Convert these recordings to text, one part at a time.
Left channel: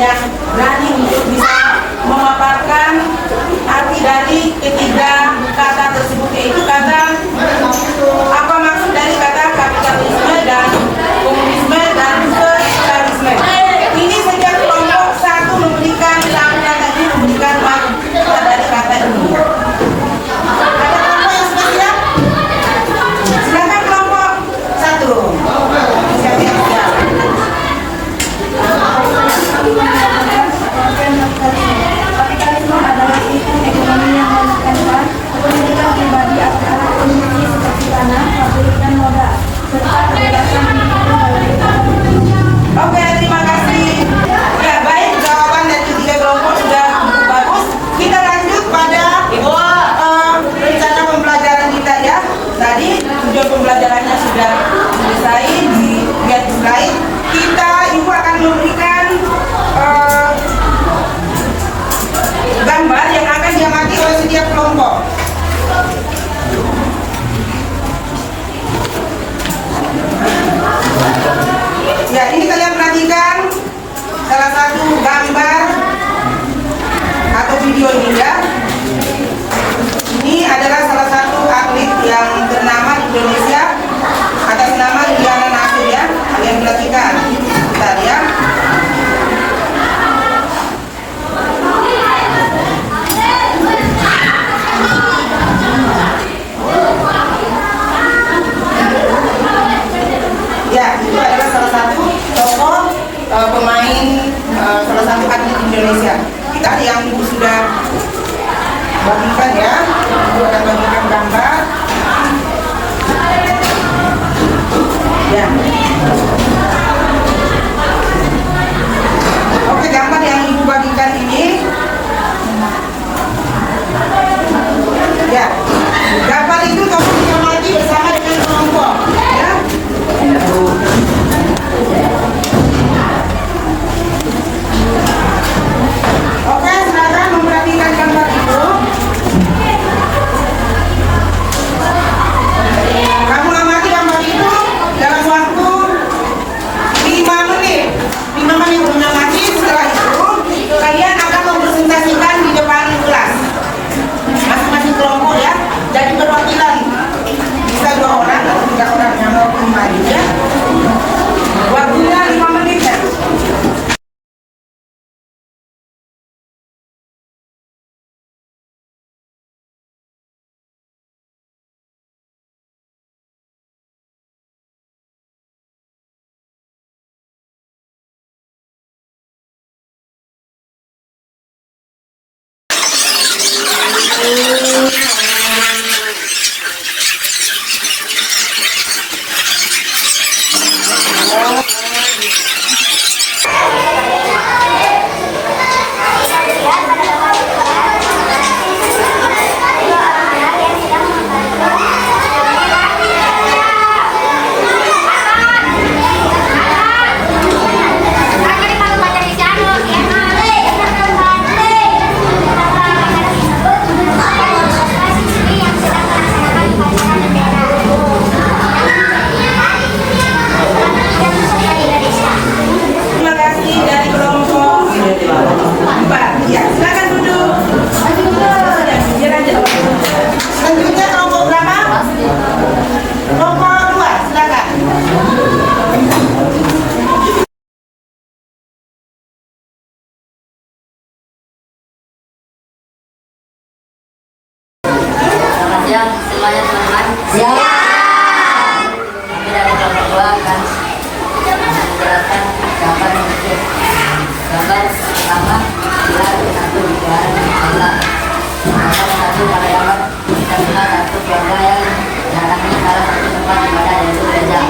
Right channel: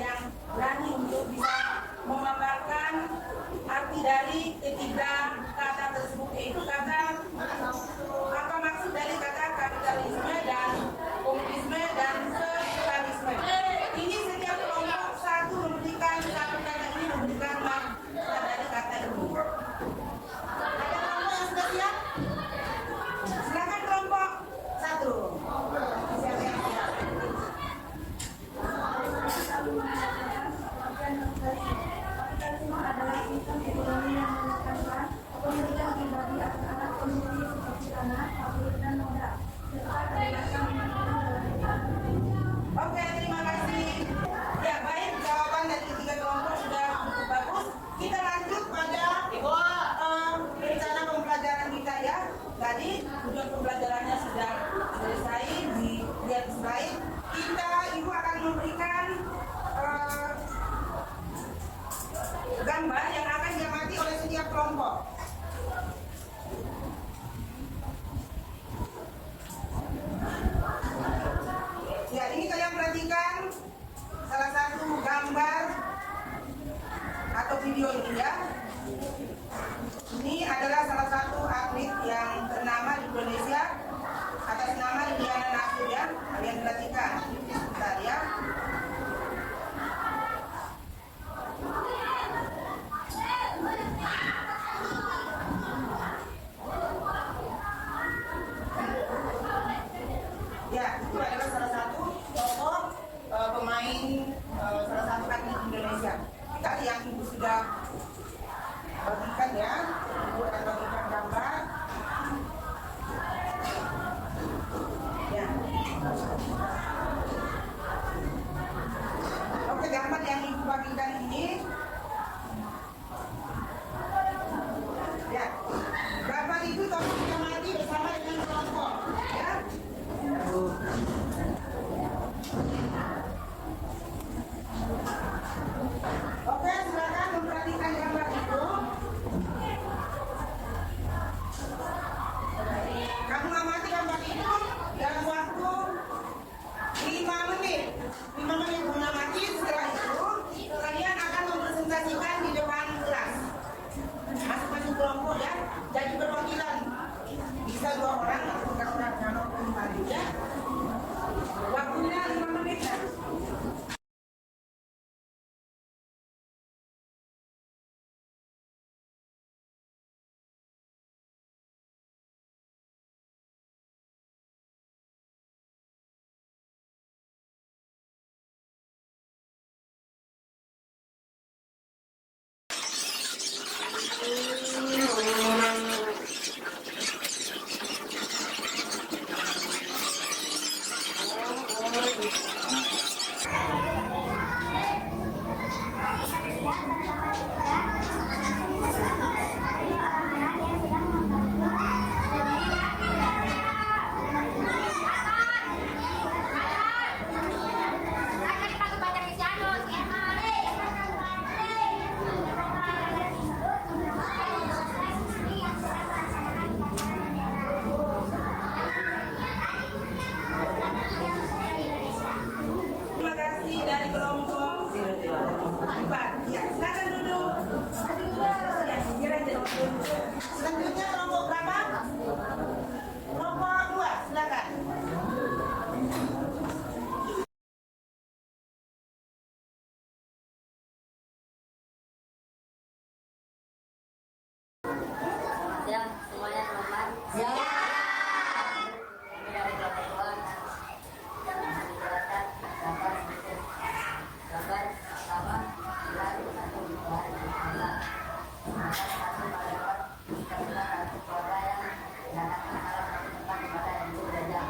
yang berani untuk bisa memaparkan arti dari ketiga kata tersebut, yaitu kata apa maksud dari kata kapitalisme dan komunisme dan sosialisme. Ini sejak kelompok satu memberikan kata ini, memberikan makna dari kata ini. Ada kelompok yang sudah siap? Silakan kelompok satu. Siap. Kapitalisme adalah sistem ekonomi yang menekankan kepemilikan pribadi atas kondisi seperti tanah, pabrik, dan modal, serta kebebasan Oke, terima kasih. Ya, baik, jawaban dari ketiga kelompok sudah bagus. Kita lanjut pada rencana pembelajaran kita ya. Tadi tujuan pembelajarannya sudah selesai, dilihat di slide. Ibu akan memberikan gambar yang akan diamati oleh setiap kelompok. Ya, ini kalian perhatikan salah satu gambar atau video ini ya. Ini adalah salah satu atlet yang ternama di Indonesia atas nama Indiana Nasir ya. Kalian perhatikan. Bentar ya. Ya, itu adalah salah satu tokoh pemain salah satu atlet Indonesia. Kita yang ibu sudah bagikan ya, ibu akan bagikan gambar. Ya. Oke, gambar yang ibu bagikan ini. Ya, gambar itu tolong diamati bersama dengan kelompok. Ya. Oke, silakan memperhatikan gambar itu. Kamu amati gambar itu dalam waktu 5 menit. 5 menit mengamati. Setelah itu kalian akan mempresentasikan di depan kelas masing-masing kelompok ya. Jadi perwakilan bisa 2 orang atau 3 orang yang mau kembali ya. Waktunya 5 menit ya. Terima kasih dari kelompok 4. Ya, silakan duduk. Biar aja. Selanjutnya kelompok berapa? Kelompok 2, silakan. Selamat siang semuanya teman-teman. Kami dari kelompok 2 akan menjelaskan gambar berikut. Gambar pertama adalah satu negara Allah. Gambar satu pada gambar kita lihat satu keluarga yang datangi salah satu tempat ibadah yaitu gereja.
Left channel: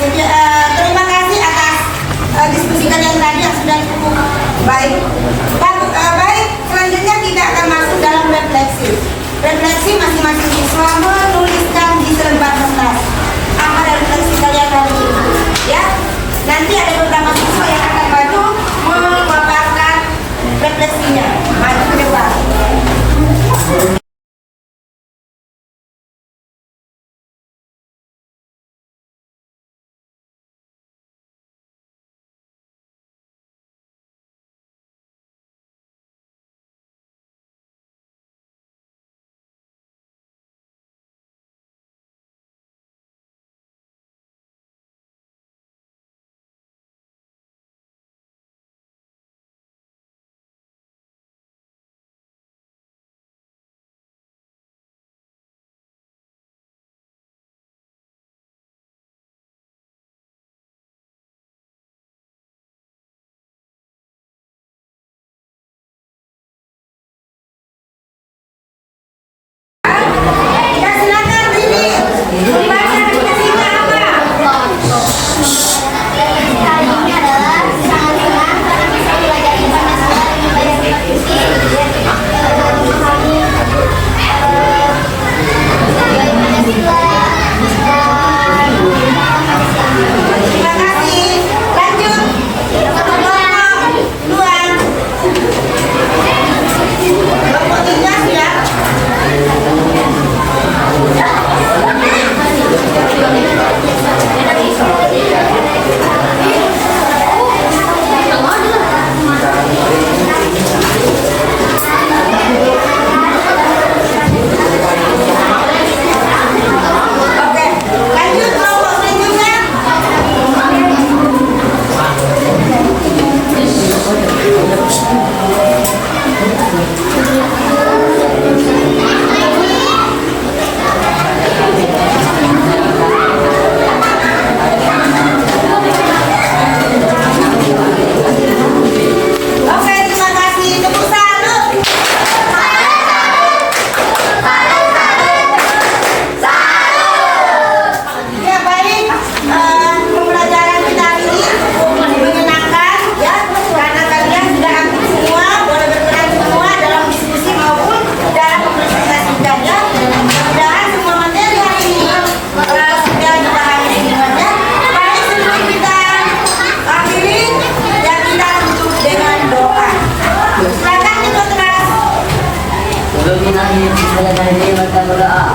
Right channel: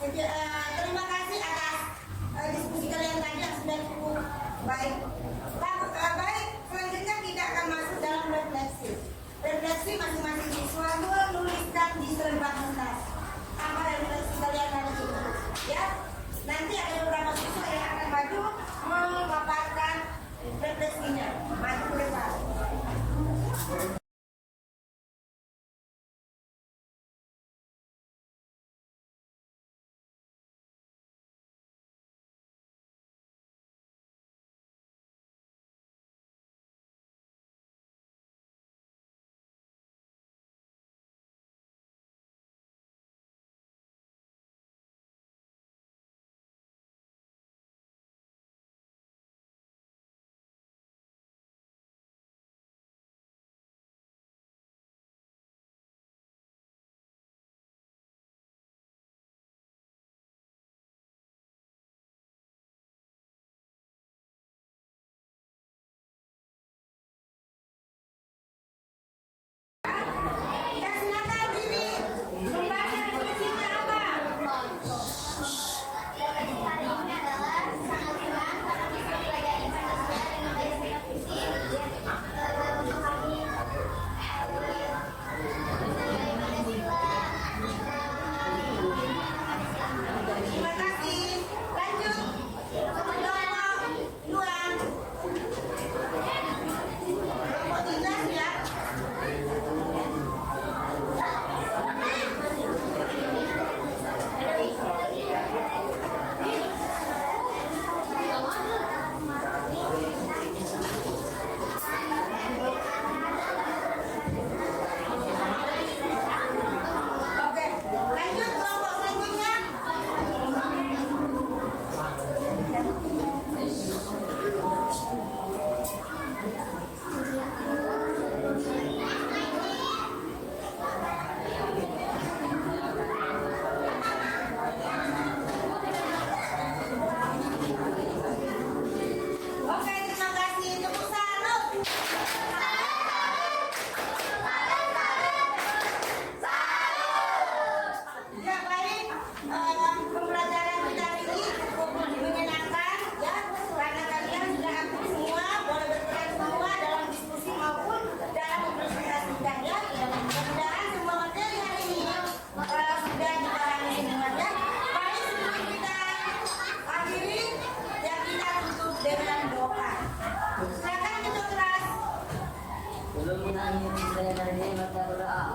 Terima kasih atas diskusi kalian tadi yang sudah cukup baik. Baik, selanjutnya kita akan masuk dalam refleksi. Refleksi masing-masing siswa menuliskan di selembar kertas apa refleksi kalian hari ini. Ya, nanti ada beberapa siswa yang akan maju memaparkan refleksinya. Maju ke depan. Dominasi selesai berdoa.